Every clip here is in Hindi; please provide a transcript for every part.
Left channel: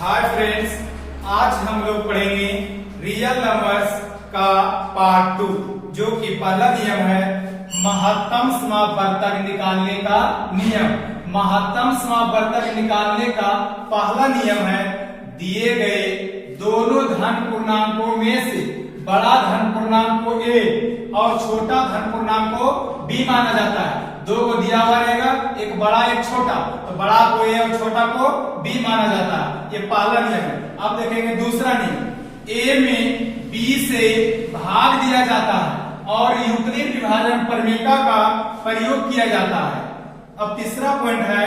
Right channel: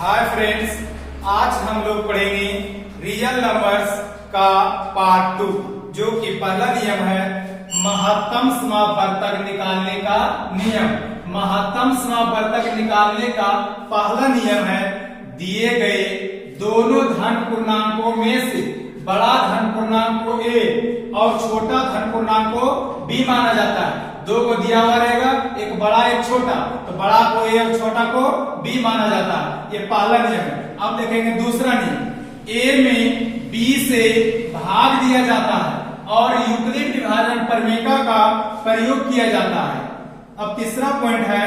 हाय फ्रेंड्स, आज हम लोग पढ़ेंगे रियल नंबर्स का पार्ट 2, जो कि पहला नियम है महत्तम समापवर्तक निकालने का नियम। महत्तम समापवर्तक निकालने का पहला नियम है दिए गए दोनों धन पूर्णांकों में से बड़ा धन पूर्णांक को ए और छोटा धन पूर्णांक को बी माना जाता है। दो को दिया हुआ रहेगा, एक बड़ा एक छोटा, तो बड़ा को ए और छोटा को बी माना जाता है। ये पहला नियम है। अब देखेंगे दूसरा नियम, ए में बी से भाग दिया जाता है और यूक्लिड विभाजन प्रमेय का प्रयोग किया जाता है। अब तीसरा पॉइंट है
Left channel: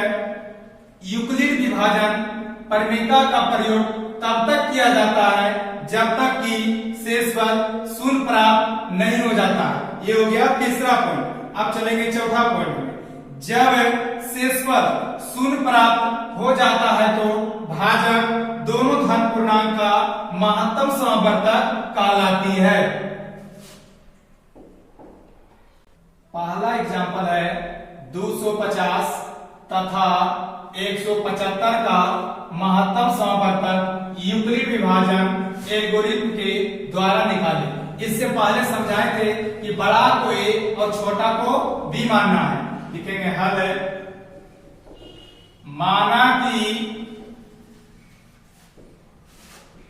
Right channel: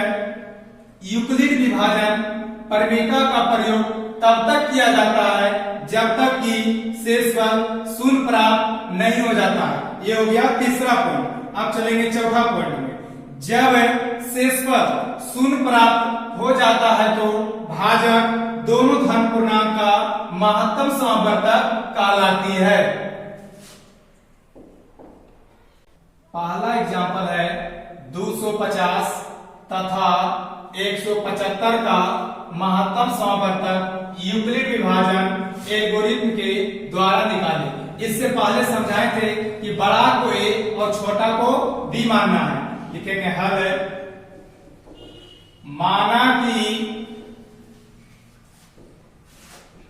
यूक्लिड विभाजन प्रमेय का प्रयोग तब तक किया जाता है जब तक कि शेषफल शून्य प्राप्त नहीं हो जाता। ये हो गया तीसरा पॉइंट। अब चलेंगे चौथा पॉइंट में, जब शेषफल शून्य प्राप्त हो जाता है तो भाजक दोनों धन पूर्णांक का महत्तम समापवर्तक कहलाती है। पहला एग्जाम्पल है 250 तथा 175 का महत्तम समापवर्तक यूक्लिड विभाजन एल्गोरिथ्म के द्वारा निकाले। इससे पहले समझाए थे कि बड़ा को ए और छोटा को बी मानना है। लिखेंगे हल, माना कि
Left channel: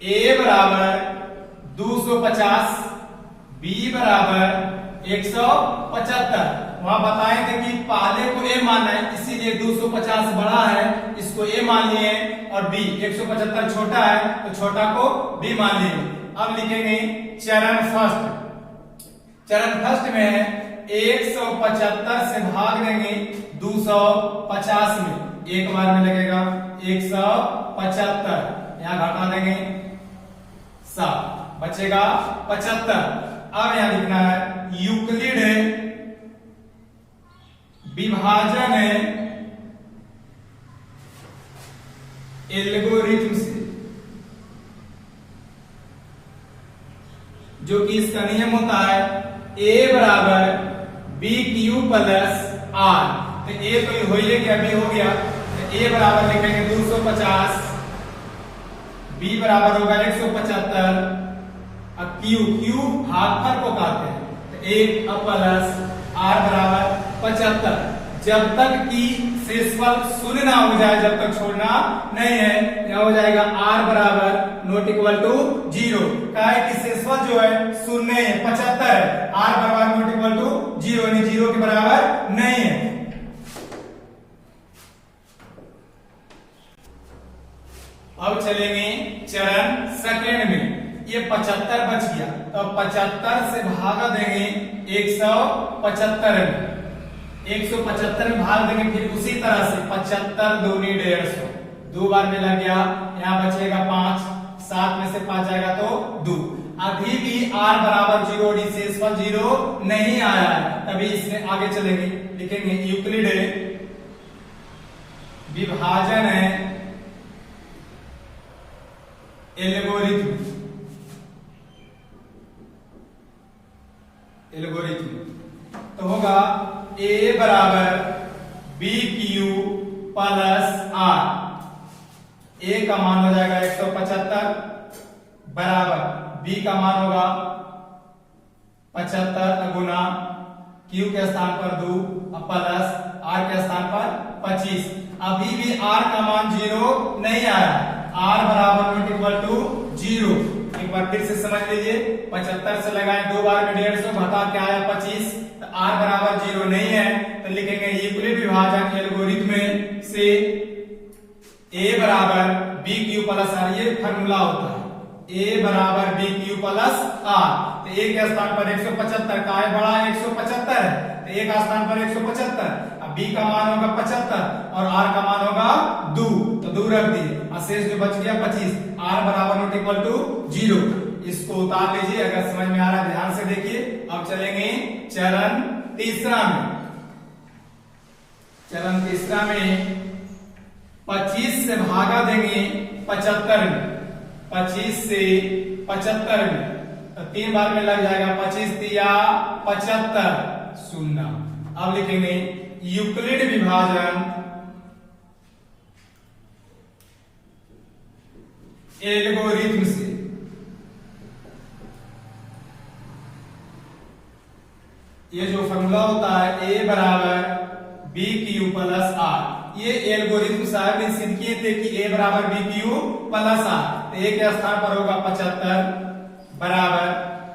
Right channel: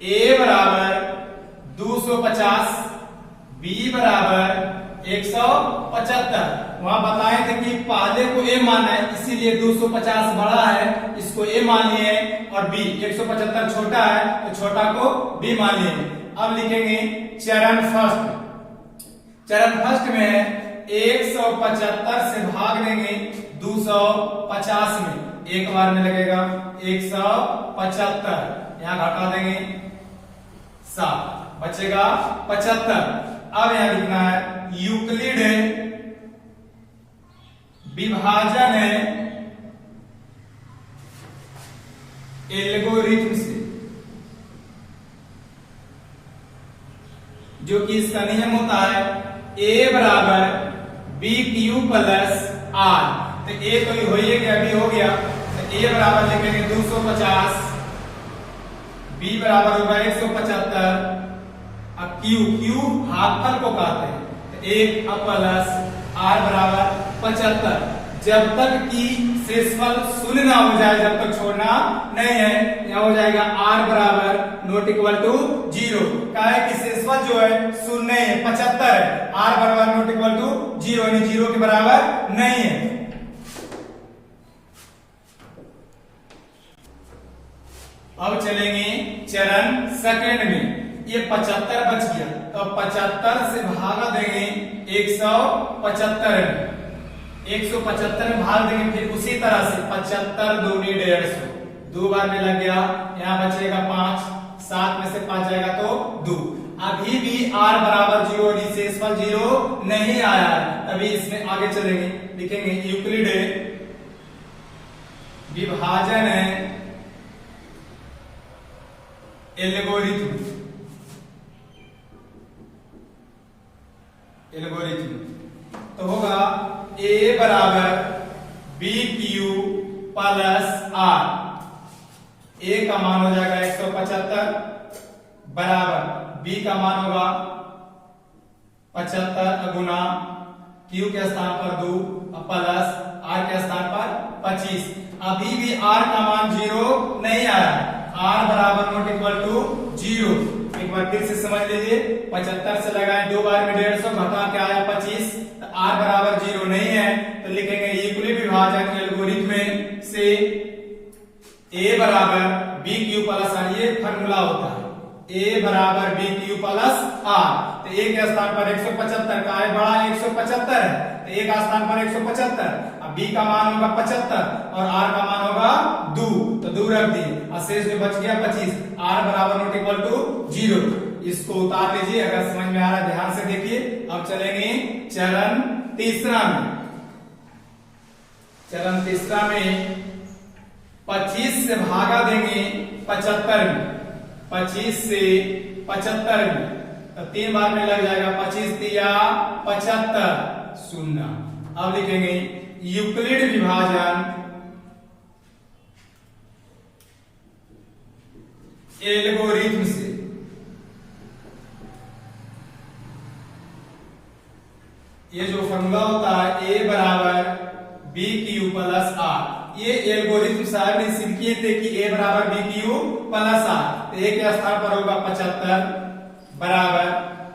ए बराबर 250, बी बराबर 175। वहां बताए थे कि पहले को ए मानना है, इसीलिए 250 बड़ा है, इसको ए मान लिए, और बी 175 छोटा है तो छोटा को बी मान लिए। अब लिखेंगे चरण फर्स्ट। चरण फर्स्ट में है 175 से भाग देंगे 250 में, एक बार में लगेगा 175, यहां घटा देंगे 7, बचेगा 75। अब यहां लिखना है यूक्लिड विभाजन है एल्गोरिथ्म से, जो कि इसका नियम होता है a बराबर बी क्यू प्लस आर। तो a तो हो ही गया, b हो गया, तो a बराबर लिखेंगे 250, b बराबर होगा 175, अब q भागफल को कहते हैं, तो 1 प्लस r बराबर 75। जब तक कि शेषफल शून्य ना हो जाए, जब तक छोड़ना नहीं है, यहां हो जाएगा r बराबर नॉट इक्वल टू 0। क्या है कि शेषफल जो है शून्य है, 75 है, r बराबर नॉट इक्वल टू 0 यानी 0 के बराबर नहीं है। अब चलेंगे चरण सेकेंड में, ये 75 बच गया, तो 75 से भागा देंगे 175 में, 175 में भाग देंगे, फिर उसी तरह से 75 दूनी 150, 2 बार में लग गया, यहाँ बचेगा 5, 7 में से 5 जाएगा तो 2। अभी भी r बराबर 0, शेषफल 0 नहीं आया है, तभी इसमें आगे चलेंगे। लिखेंगे यूक्लिड विभाजन है एल्गोरिथ्म, तो होगा a बराबर B Q plus R. a का मान हो जाएगा 175 बराबर b का मान होगा 75 गुना q के स्थान पर 2 प्लस r के स्थान पर 25। अभी भी r का मान 0 नहीं आया, r बराबर नॉट इक्वल टू 0। एक बार फिर से समझ लीजिए, 75 से लगाए 2 बार में 150, घटा के आया 25, तो r बराबर 0 नहीं है, तो लिखेंगे यूक्लिड विभाजन एल्गोरिथ्म से a बराबर बी क्यू प्लस आर, ये फॉर्मूला होता है, a बराबर बी क्यू प्लस आर। तो a के स्थान पर 175 का है, बड़ा 175 है, तो a का स्थान पर 175, अब b का मान होगा 75 और r का मान होगा 2, तो 2 रख दिए, शेष में बच गया 25, r बराबर नॉट इक्वल टू 0। इसको उतार लीजिए, अगर समझ में आ रहा है ध्यान से देखिए। अब चलेंगे चरण तीसरा में। चरण तीसरा में 25 से भागा देंगे 75 में, 25 से 75 में, तो 3 बार में लग जाएगा, 25 दिया 75 शून्य। अब लिखेंगे यूक्लिड विभाजन एल्गोरिथम से। ये जो फॉर्मूला होता है ए बराबर बी क्यू प्लस आर, ये एल्गोरिथम साहब ने सिंपली थे कि ए बराबर बी क्यू प्लस आर, तो ए के स्थान पर होगा 75 बराबर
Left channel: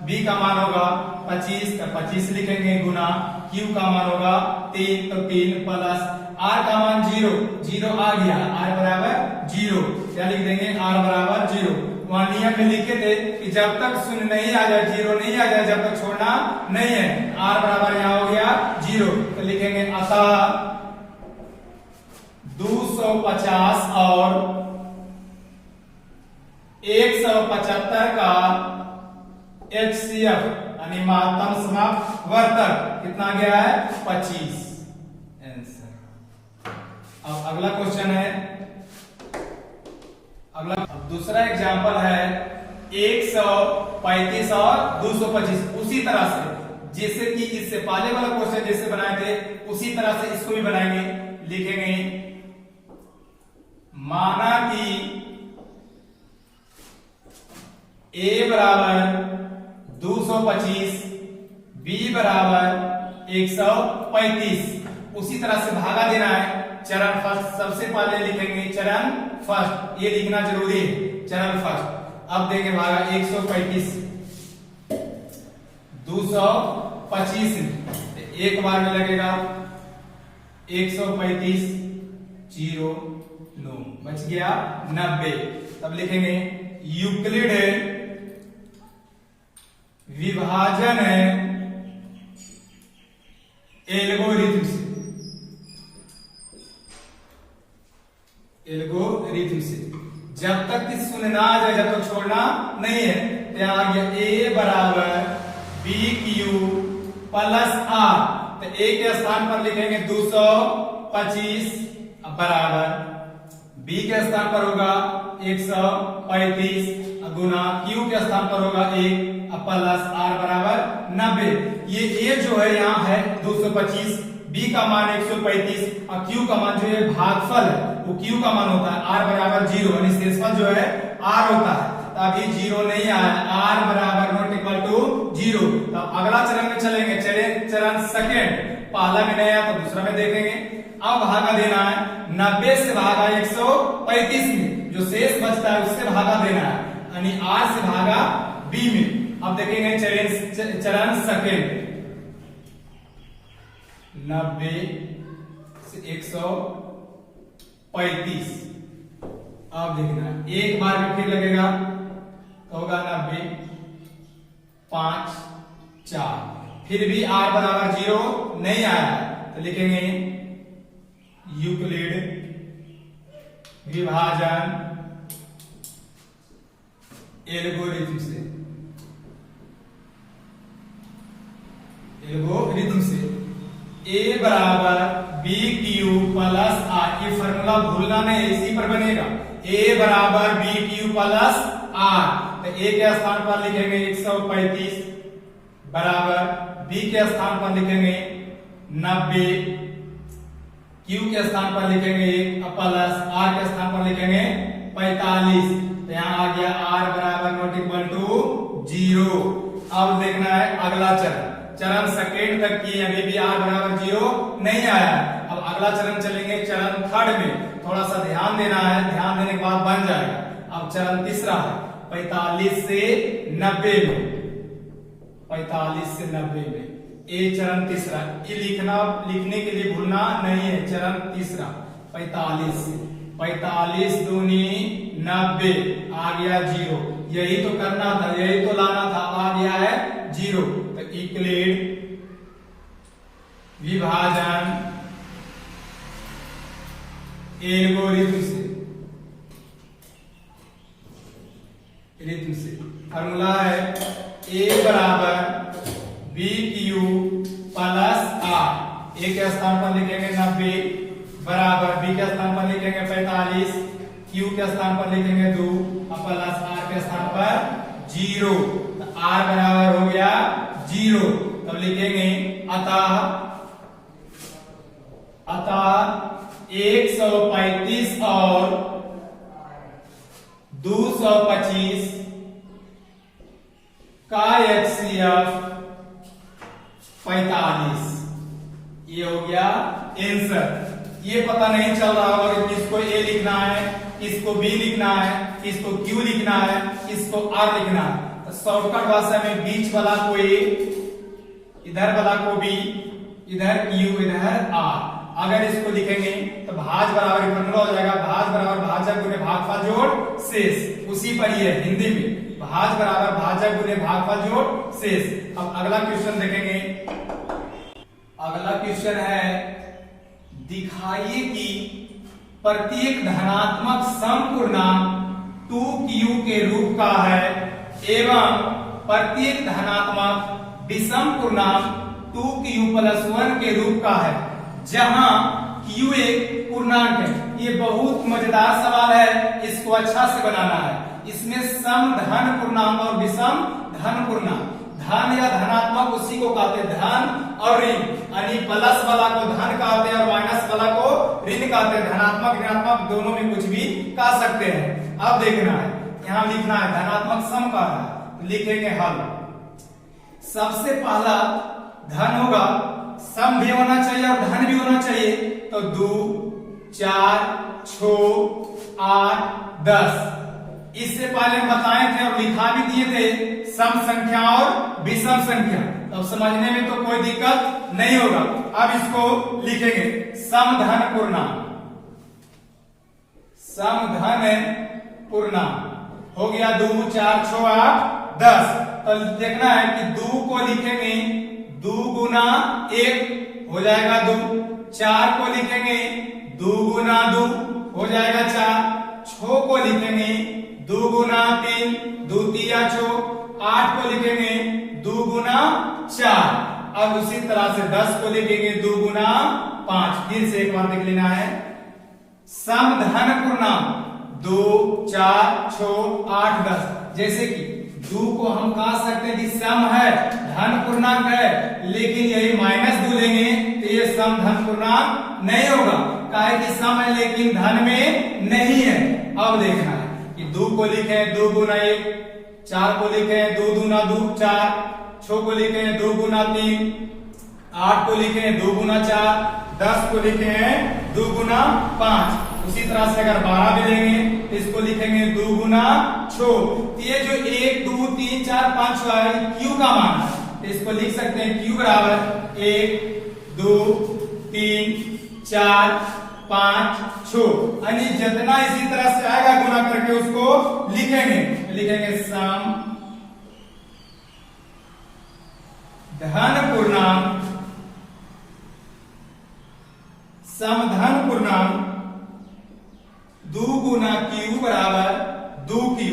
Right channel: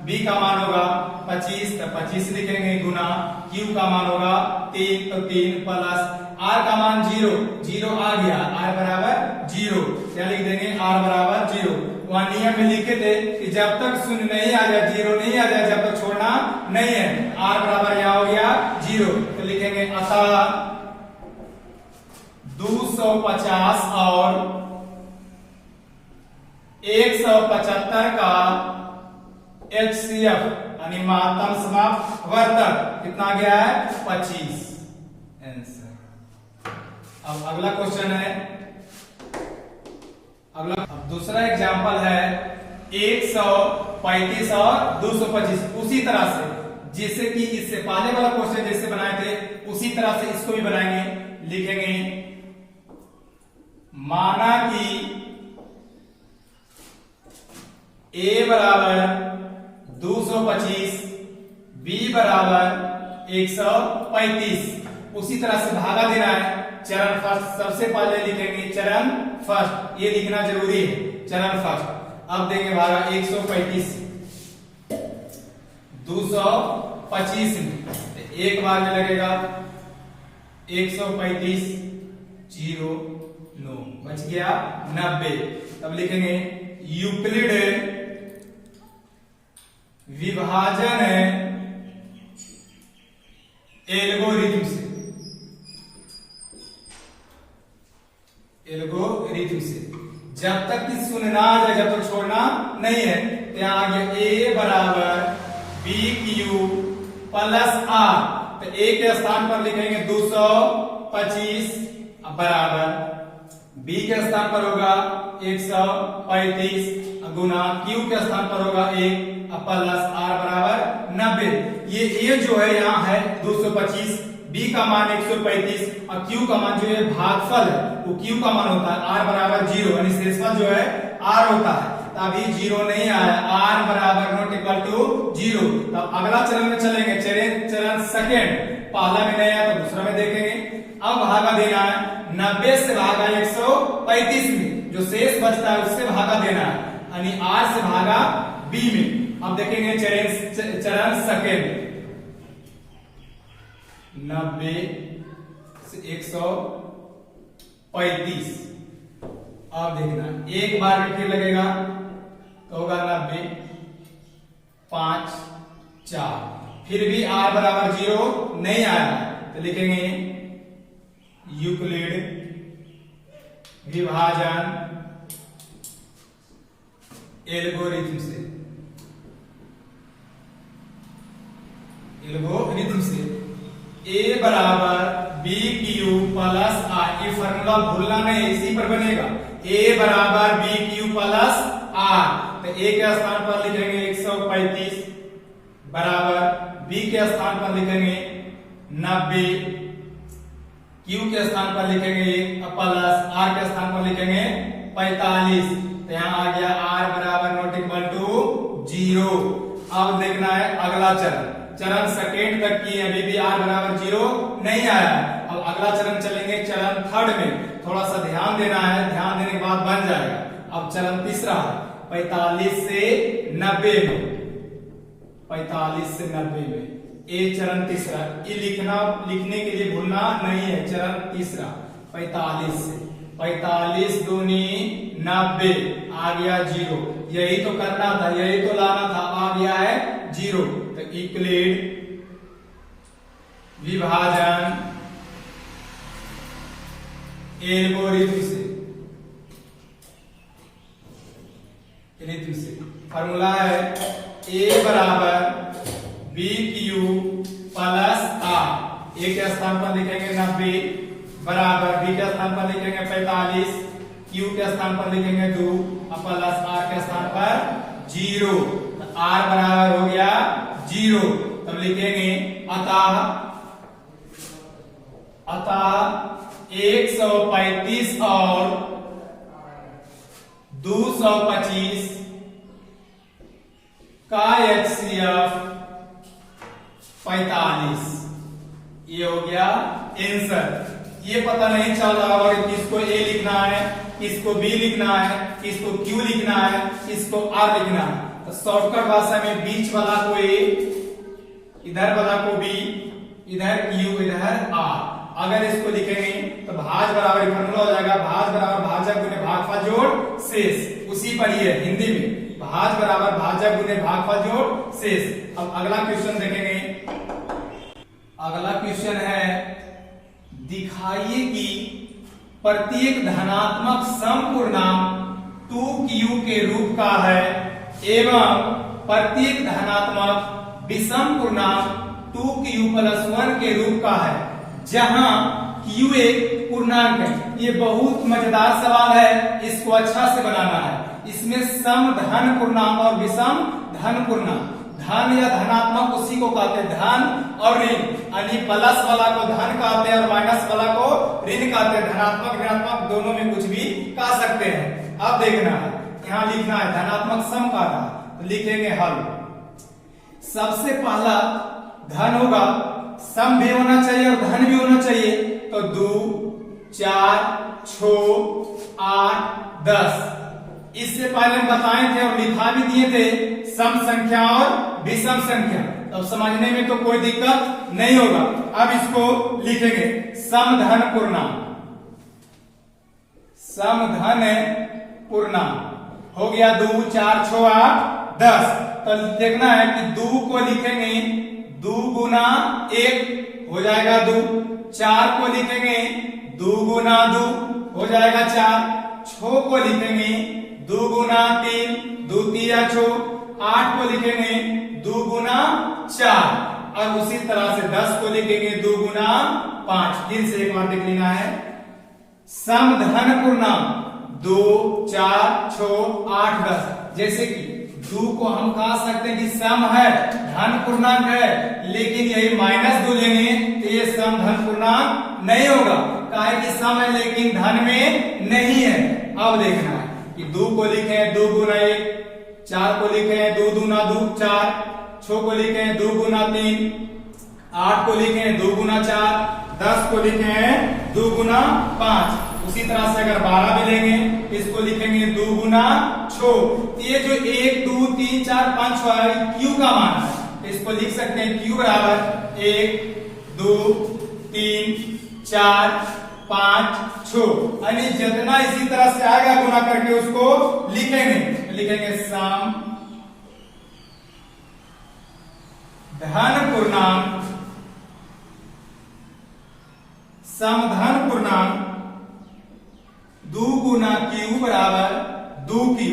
बी का मान होगा 25, तो 25 लिखेंगे गुना क्यू का मान होगा 3, तो 3 प्लस आर का मान 0, 0 आ गया, आर बराबर 0, क्या लिख देंगे आर बराबर 0। वहां नियम में लिखे थे कि जब तक शून्य नहीं आ जाए, 0 नहीं आ जाए, जब तक छोड़ना नहीं है। आर बराबर यहां हो गया 0, तो लिखेंगे अतः 250 और 175 का HCF यानी महत्तम समापवर्तक कितना गया है 25। आंसर। अब अगला क्वेश्चन है, अब दूसरा एग्जांपल है 135 और 225। उसी तरह से जैसे कि इससे पहले वाला क्वेश्चन जैसे बनाए थे उसी तरह से इसको भी बनाएंगे। लिखेंगे माना कि a बराबर 225, b बराबर 135। उसी तरह से भागा देना है। चरण फर्स्ट, सबसे पहले लिखेंगे चरण फर्स्ट, ये लिखना जरूरी है चरण फर्स्ट। अब देंगे भागा 135 225 में एक बार में लगेगा 135 0 9 बच गया 90। तब लिखेंगे यूक्लिड विभाजन है एल्गोरिथम से, एल्गोरिथम से जब तक कि शून्य ना आ जाए, जब तक छोड़ना नहीं है। तो यहां आ गया ए बराबर बी क्यू प्लस आर, तो ए के स्थान पर लिखेंगे 225 बराबर बी के स्थान पर होगा 135 गुना क्यू के स्थान पर होगा 1 प्लस आर बराबर 90। ये ए जो है यहाँ है 225, बी का मान 135 और क्यू का मान जो है भागफल है वो क्यू का मान होता है आर बराबर 0, यानी शेषफल जो है आर होता है। तो अभी 0 नहीं आया, आर बराबर नॉट इक्वल टू 0। तो अगला चरण में चलेंगे, चरण सेकेंड, पहला में नहीं आया तो दूसरा में देखेंगे। अब भागा देना है 90 से भागा 135 में, जो शेष बचता है उससे भागा देना है, यानी आर से भागा बी में। अब देखेंगे चरण सेकेंड, 90 से 135। अब देखना एक बार में फिर लगेगा तो होगा 90 5 4, फिर भी आर बराबर 0 नहीं आया तो लिखेंगे यूक्लिड विभाजन एल्गोरिथम से, एल्गोरिथम से a बराबर बी क्यू प्लस आर, ये फॉर्मूला भूलना नहीं, इसी पर बनेगा। a बराबर बी क्यू प्लस आर, तो a के स्थान पर लिखेंगे 135 बराबर b के स्थान पर लिखेंगे 90, q के स्थान पर लिखेंगे 1 प्लस r के स्थान पर लिखेंगे 45। तो यहाँ आ गया r बराबर नॉट इक्वल टू 0। अब देखना है अगला चरण, चरण सेकेंड तक की अभी भी आर बराबर 0 नहीं आया। अब अगला चरण चलेंगे चरण थर्ड में, थोड़ा सा ध्यान देना है, ध्यान देने के बाद बन जाएगा। अब चरण तीसरा 45 से 90 में, 45 से 90 में ये चरण तीसरा, ये लिखने के लिए भूलना नहीं है। चरण तीसरा 45 से 45 दूनी 90 आ गया 0, यही तो करना था, यही तो लाना था, आ गया है 0। तो यूक्लिड विभाजन एल्गोरिथम से फॉर्मूला है a बराबर बी क्यू प्लस आर, ए के स्थान पर लिखेंगे 90 बराबर बी के स्थान पर लिखेंगे 45, क्यू के स्थान पर लिखेंगे 2 प्लस आर के स्थान पर 0। तो आर बराबर हो गया 0। तब लिखेंगे अतः 135 और 225 का HCF 45। ये हो गया आंसर। ये पता नहीं चल रहा होगा कि किसको A लिखना है, किसको B लिखना है, किसको Q लिखना है, किसको R लिखना है। तो शॉर्टकट भाषा में बीच वाला को A, इधर वाला को B, इधर Q, इधर R। अगर इसको लिखेंगे तो भाज बराबर फॉर्मूला हो जाएगा, भाज बराबर भाजक गुने भागफल जोड़ शेष। उसी पर ये हिंदी में भाज बराबर भाजक गुने भागफल जोड़ शेष। अब अगला क्वेश्चन देखेंगे। अगला क्वेश्चन है, दिखाइए कि प्रत्येक धनात्मक समपूर्णांक 2q के रूप का है एवं प्रत्येक धनात्मक विषम पूर्णांक 2q + 1 के रूप का है जहां q एक पूर्णांक है। ये बहुत मजेदार सवाल है, इसको अच्छा से बनाना है। इसमें सम धन पूर्णांक और विषम धन पूर्णांक, धन या धनात्मक उसी को कहते हैं धन और ऋण, यानी प्लस वाला को धन कहते हैं और माइनस वाला को ऋण कहते हैं। धनात्मक ऋणात्मक दोनों में कुछ भी कह सकते हैं। अब देखना है, यहाँ लिखना है धनात्मक सम का है, तो लिखेंगे हल। सबसे पहला धन होगा, सम भी होना चाहिए और धन भी होना चाहिए। तो 2, 4, 6, 8, 10। इससे पहले हम बताए थे और लिखा भी दिए थे सम संख्या और विषम संख्या, तो समझने में तो कोई दिक्कत नहीं होगा। अब इसको लिखेंगे सम धन पूर्णांक, सम धन पूर्णांक हो गया 2, 4, 6, 8, 10। तो देखना है कि 2 को लिखेंगे 2 गुना 1 हो जाएगा 2, 4 को लिखेंगे 2 गुना 2 हो जाएगा 4, 6 को लिखेंगे 2 गुना 3, 2 3 6, 8 को लिखेंगे 2 गुना 4 और उसी तरह से 10 को लिखेंगे 2 गुना 5। फिर से एक बार देख लेना है, सम धन पूर्णांक 2, 4, 6, 8, 10। जैसे कि 2 को हम कह सकते हैं कि सम है, धन पूर्णांक है, लेकिन यही -2 लेंगे तो ये सम धन पूर्णांक नहीं होगा, काहे कि सम है लेकिन धन में नहीं है। अब देखना है कि 2 को लिखे 2 गुना 1, 4 को लिखे 2 दूना 2 4, 6 को लिखे 2 गुना 3, 8 को लिखे 2 गुना 4, 10 को लिखे 2 गुना 5। उसी तरह से अगर 12 भी लेंगे तो इसको लिखेंगे 2 गुना 6। ये जो 1, 2, 3, 4, 5 है क्यू का मान है, तो इसको लिख सकते हैं क्यू बराबर 1, 2, 3, 4, 5, 6। यानी जितना इसी तरह से आएगा गुना करके उसको लिखेंगे, लिखेंगे सम धन पूर्णांक, सम धन पूर्णांक 2 गुना क्यू बराबर 2q।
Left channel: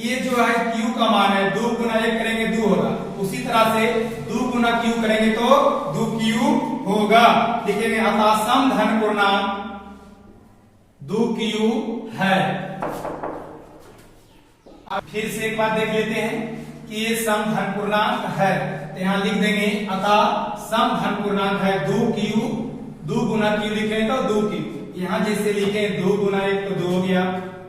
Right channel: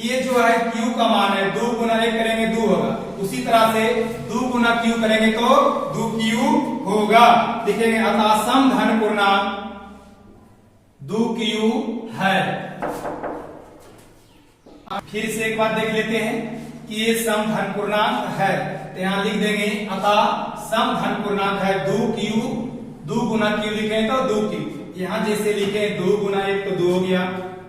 ये जो है q का मान है, 2 गुना 1 करेंगे 2 होगा, उसी तरह से 2 गुना q करेंगे तो 2q होगा। लिखेंगे अतः सम धन पूर्णांक 2q है। अब फिर से एक बार देख लेते हैं कि ये सम धन पूर्णांक है, तो यहां लिख देंगे अतः सम धन पूर्णांक है 2q, 2 गुना q लिखें तो 2q। यहां जैसे लिखे 2 गुना 1 तो 2 हो गया,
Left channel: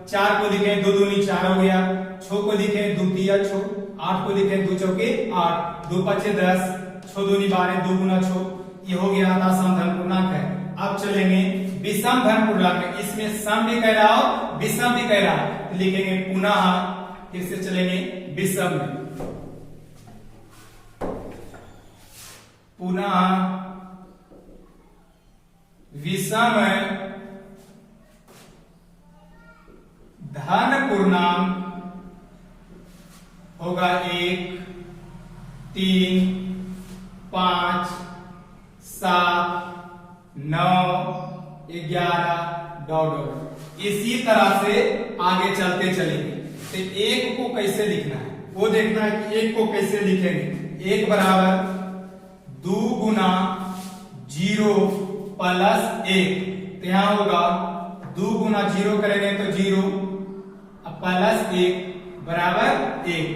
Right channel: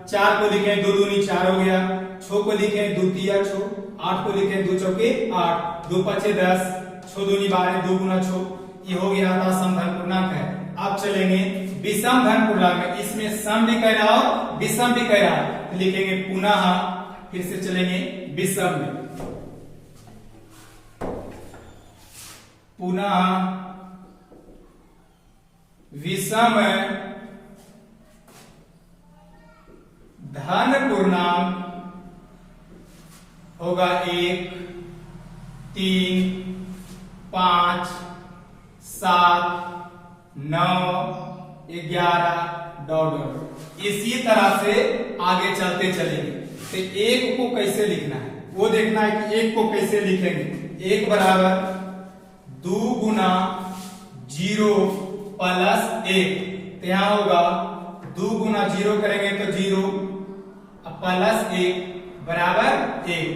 4 को लिखे 2 दूनी 4 हो गया, 6 को लिखे 2 तिया 6, 8 को लिखे 2 चौके 8, 2 पचे 10, 6 दूनी 12, 2 गुना 6। ये हो गया था सम धन पूर्णांक है। अब चलेंगे विषम धन पूर्णांक, इसमें सम भी कह रहा हो विषम भी कह रहा हो, लिखेंगे पुनः, फिर से चलेंगे विषम में, पुनः विषम धन पूर्णांक होगा 1, 3, 5, 7, 9, 11 डॉट। इसी तरह से आगे चलते चलेंगे। तो 1 को कैसे लिखना है वो देखना है कि 1 को कैसे लिखेंगे। 1 बराबर 2 गुना 0 प्लस 1, तो यहां होगा 2 गुना 0 करेंगे तो 0 प्लस 1 बराबर 1।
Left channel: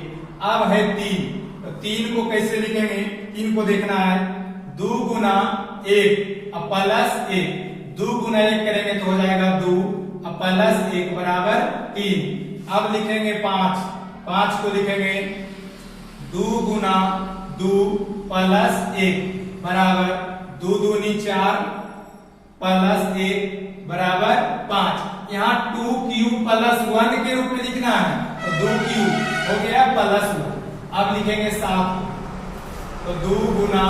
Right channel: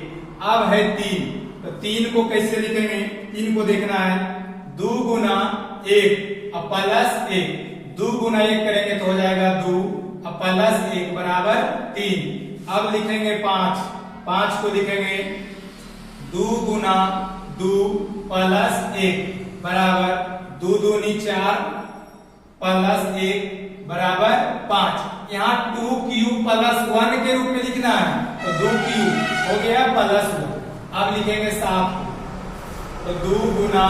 अब है 3, तो 3 को कैसे लिखेंगे, 3 को देखना है 2 गुना 1 प्लस 1, 2 गुना 1 करेंगे तो हो जाएगा 2 प्लस 1 बराबर 3। अब लिखेंगे 5, 5 को लिखेंगे 2 गुना 2 प्लस 1 बराबर 2 दूनी 4 प्लस 1 बराबर 5। यहाँ 2 क्यूब प्लस 1 के रूप में लिखना है, तो 2 क्यूब हो गया प्लस 1। अब लिखेंगे 7, तो 2 गुना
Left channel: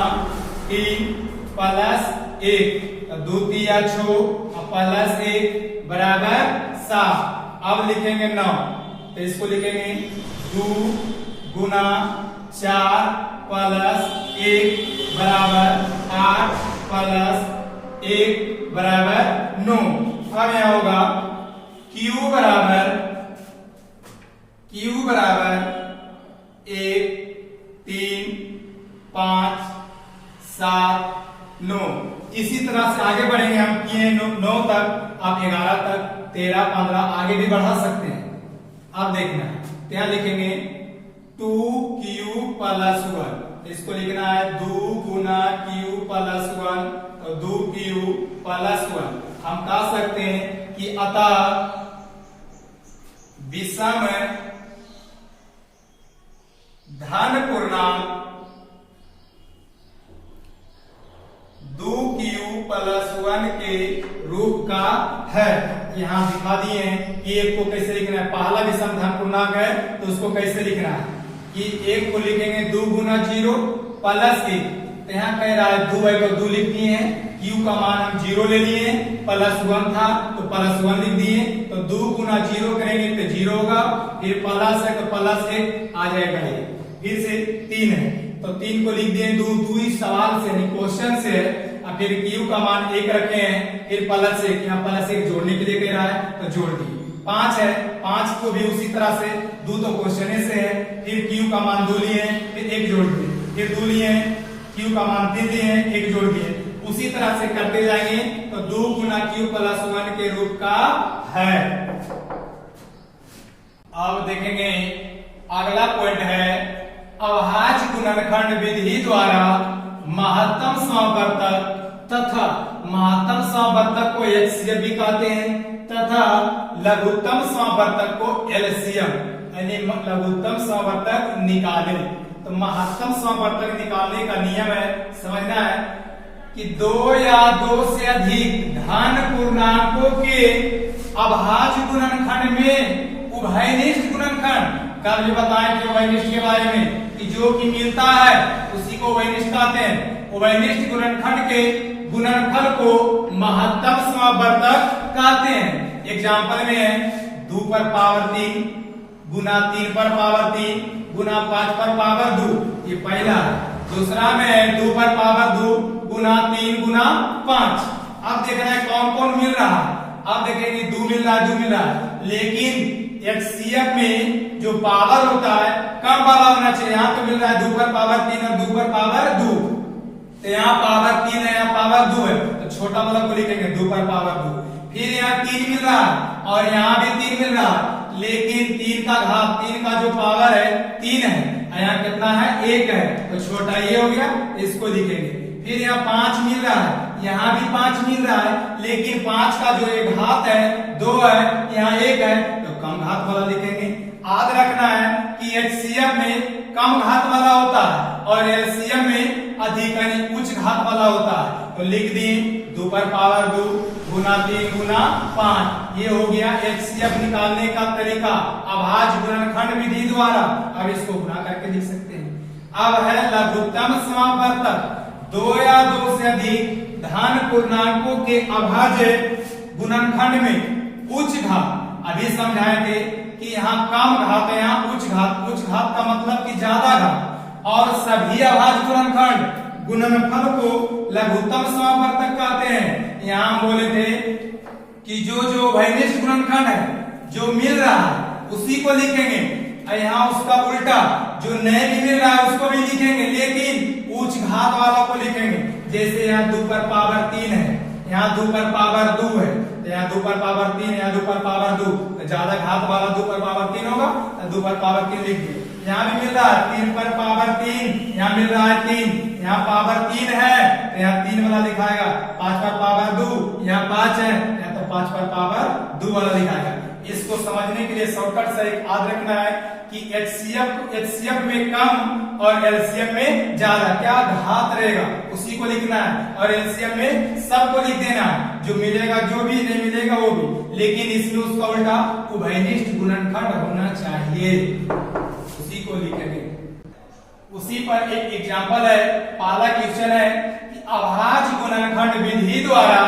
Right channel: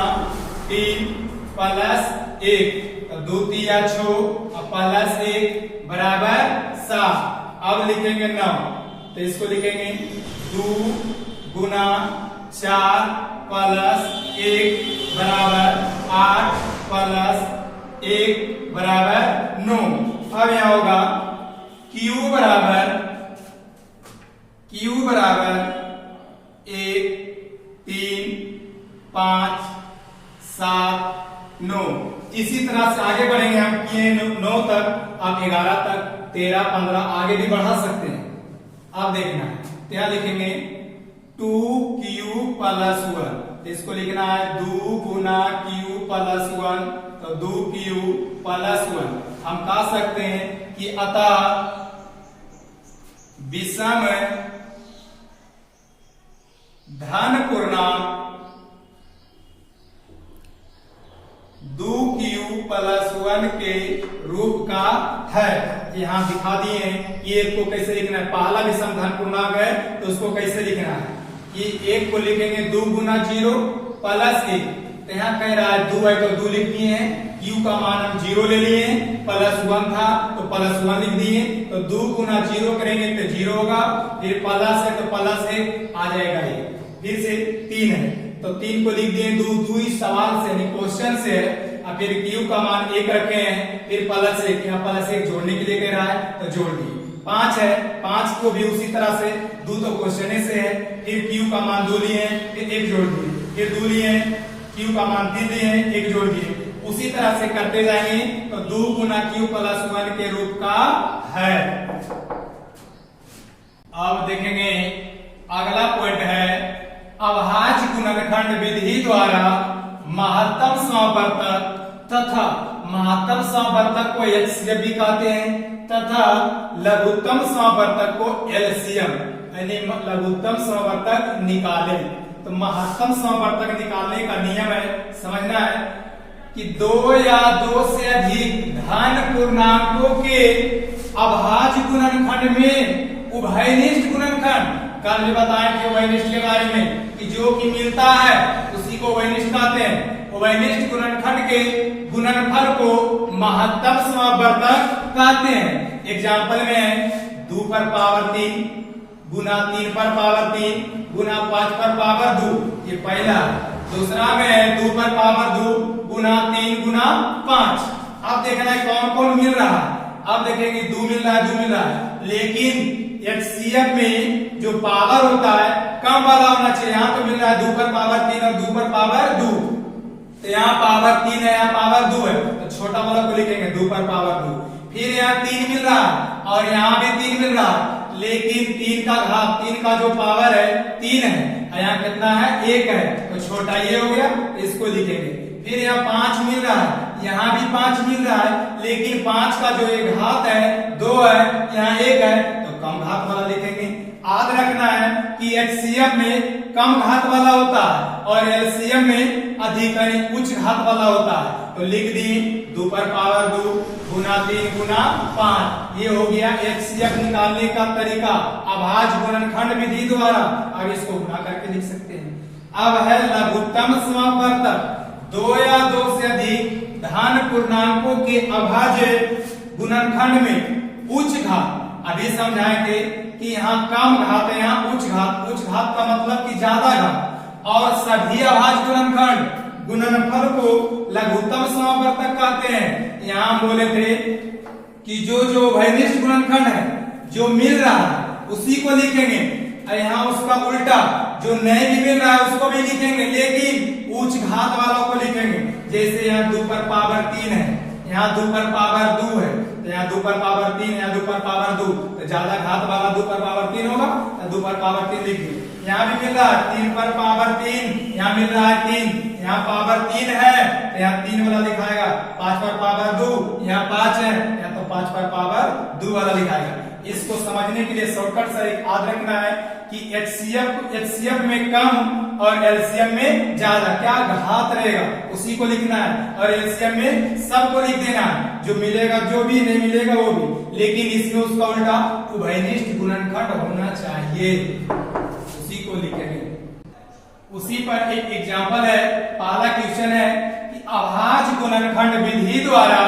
3 प्लस 1, तो 2 तिया 6 प्लस 1 बराबर 7। अब लिखेंगे 9, तो इसको लिखेंगे 2 गुना 4 प्लस 1 बराबर 8 प्लस 1 बराबर 9। अब यहां होगा Q बराबर 1 3 5 7 9। इसी तरह से आगे बढ़ेंगे हम, किए 9 तक, अब 11 तक, 13 15 आगे भी बढ़ा सकते हैं। अब देखना है क्या लिखेंगे 2Q प्लस 1, इसको लिखना है 2 गुना Q प्लस 1, तो 2Q प्लस 1। हम कह सकते हैं कि अतः विषम धन पूर्णांक 2Q प्लस 1 के रूप का है। यहाँ दिखा दिए हैं कि एक को कैसे लिखना है। पहला विषम धन पूर्णांक है तो उसको कैसे लिखना है कि एक को लिखेंगे 2 गुना 0 प्लस 1, तो यहाँ कह रहा है 2 है तो 2 लिख दिए हैं, Q का मान हम 0 ले लिए हैं, प्लस 1 था तो प्लस 1 लिख दिए, तो 2 गुना 0 करेंगे तो 0 होगा, फिर प्लस है तो प्लस 1 आ जाएगा, फिर से 3 है तो 3 को लिख दिए 2 इस सवाल से यानी क्वेश्चन से है। अब फिर Q का मान 1 रखे हैं, फिर प्लस 1, यहाँ प्लस 1 जोड़ने के लिए कह रहा है तो जोड़ दिए। 5 है, 5 को भी उसी तरह से 2 तो क्वेश्चन से है, फिर Q का मान 2 लिए हैं, फिर 1 जोड़ दिए, फिर 2 लिए हैं, Q का मान 3 लिए हैं, 1 जोड़ दिए। उसी तरह से करते जाएंगे तो 2 गुना Q प्लस 1 के रूप का है। अब देखेंगे अगला पॉइंट है अभाज्य गुणनखंड विधि द्वारा महत्तम समावर्तक तथा महत्तम समावर्तक को HCF भी कहते हैं तथा लघुत्तम समावर्तक को LCM यानी लघुत्तम समावर्तक निकाले। तो महत्तम समावर्तक निकालने का नियम है, समझना है कि 2 या 2 से अधिक धन पूर्णांकों के अभाज्य गुणनखंड में उभयनिष्ठ गुणनखंड, कल भी बताएं कि उभयनिष्ठ के बारे में कि जो कि मिलता है उसी को उभयनिष्ठ कहते हैं। उभयनिष्ठ गुणनखंड के गुणनफल को महत्तम समावर्तक कहते हैं। एग्जाम्पल में है 2 पर पावर 3 गुना 3 पर पावर 3 गुना 5 पर पावर 2, ये पहला। दूसरा में है 2 पर पावर 2 गुना 3 गुना 5। अब देखना है कौन कौन मिल रहा है। अब देखेंगे 2 मिल रहा है, 2 मिल रहा है, लेकिन HCF में जो पावर होता है कम वाला होना चाहिए। यहाँ तो मिल रहा है 2 पर पावर 3 और 2 पर पावर 2, तो यहाँ पावर 3 है, यहाँ पावर 2 है, तो छोटा वाला को लिखेंगे 2 पर पावर 2। फिर यहाँ 3 मिल रहा है और यहाँ भी 3 मिल रहा है, लेकिन 3 का घात 3 का जो पावर है 3 है, यहाँ कितना है 1 है, तो छोटा ये हो गया, इसको लिखेंगे। फिर यहाँ 5 मिल रहा है, यहाँ भी 5 मिल रहा है, लेकिन 5 का जो एक घात है 2 है, यहाँ 1 है, तो कम घात वाला लिखेंगे। याद रखना है कि HCF में कम घात वाला होता है और LCM में अधिक यानी उच्च घात वाला होता है, तो लिख दिए 2 पर पावर 2 गुना 3 गुना 5। ये हो गया HCF निकालने का तरीका अभाज्य गुणनखंड विधि द्वारा। अब इसको गुणा करके लिख सकते हैं। अब है लघुत्तम समावर्तक, 2 या 2 से अधिक धन पूर्णांकों के अभाज्य गुणनखंड में उच्च घात। अभी समझाए थे कि यहाँ कम घात है, यहाँ उच्च घात। उच्च घात का मतलब कि ज्यादा घात, और सभी अभाज्य गुणनखंड गुणनफल को लघुत्तम समावर्तक कहते हैं। यहाँ बोले थे कि जो उभयनिष्ठ गुणनखंड है जो मिल रहा है उसी को लिखेंगे, यहाँ उसका उल्टा जो नहीं भी मिल रहा है उसको भी लिखेंगे, लेकिन उच्च घात वाला को लिखेंगे। जैसे यहाँ 2 पर पावर 3 है, यहाँ 2 पर पावर 2 है, यहाँ 2 पर पावर 3, यहाँ 2 पर पावर 2, तो ज्यादा घात वाला 2 पर पावर 3 होगा, तो 2 पर पावर 3 लिखिए। यहाँ भी मिल रहा है 3 पर पावर 3, यहाँ मिल रहा है 3, यहाँ पावर 3 है तो यहाँ 3 वाला लिखाएगा। 5 पर पावर 2, यहाँ 5 है, यहाँ तो 5 पर पावर 2 वाला लिखाएगा। इसको समझने के लिए शॉर्टकट से एक याद रखना है कि एचसीएफ में कम और एलसीएम में ज्यादा क्या घात रहेगा उसी को लिखना है, और एलसीएम में सबको लिख देना है, जो मिलेगा जो भी नहीं मिलेगा वो भी, लेकिन इसमें उसका उल्टा उभयनिष्ठ गुणनखंड होना चाहिए, उसी को लिखेंगे। उसी पर एक एग्जाम्पल है, पहला क्वेश्चन है कि अभाज्य गुणनखंड विधि द्वारा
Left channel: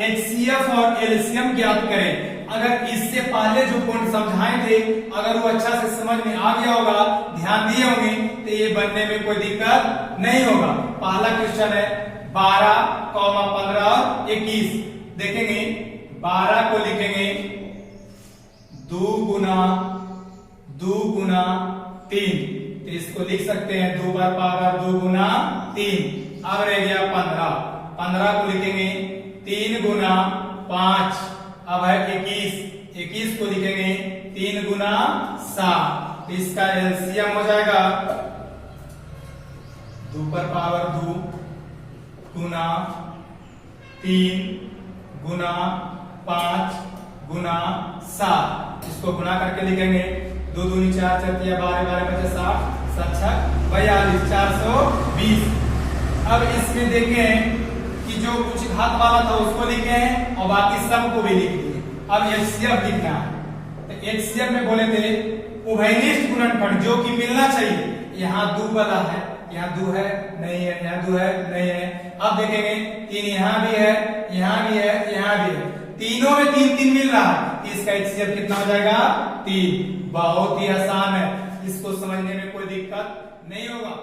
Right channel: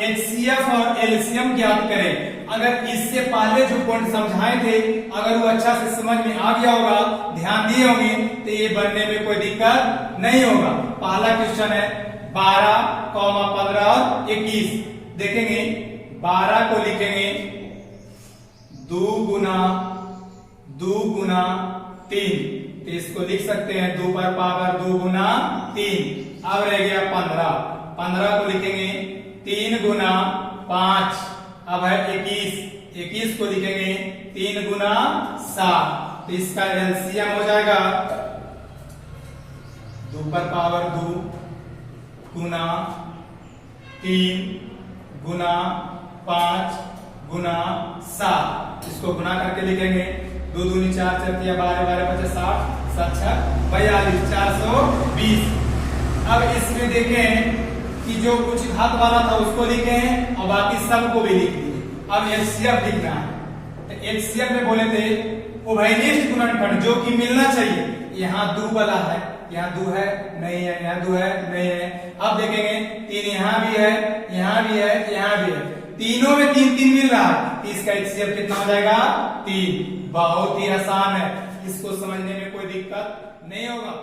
एचसीएफ और एलसीएम ज्ञात करें। अगर इससे पहले जो पॉइंट समझाए थे अगर वो अच्छा से समझ में आ गया होगा, ध्यान दिए होंगे, तो ये बनने में कोई दिक्कत नहीं होगा। पहला क्वेश्चन है 12, 15 और 21। देखेंगे 12 को लिखेंगे 2 गुना 3, तो इसको लिख सकते हैं 2 पर पावर 2 गुना 3। अब रह गया 15 को लिखेंगे 3 गुना 5। अब है 21 को लिखेंगे 3 गुना 7, तो इसका एलसीएम हो जाएगा 2 पर पावर 2 गुना 3 गुना 5 गुना 7, इसको गुना करके लिखेंगे 2 दूनी 4, 4 12, 12 5 60, 7 6 42, 420। अब इसमें देखें कि जो कुछ घात वाला था उसको लिखे हैं और बाकी सबको भी लिख दिए। अब एचसीएफ लिखना है, तो एचसीएफ में बोले थे उभयनिष्ठ गुणनखंड जो कि मिलना चाहिए। यहाँ 2 वाला है, यहाँ 2 है नहीं है, यहाँ 2 है नहीं है। अब देखेंगे 3 यहाँ भी है, यहाँ भी है, यहाँ भी है, तीनों में 3 3 मिल रहा है, इसका एचसीएफ कितना हो जाएगा 3। बहुत ही आसान है, इसको समझने में कोई दिक्कत नहीं होगा।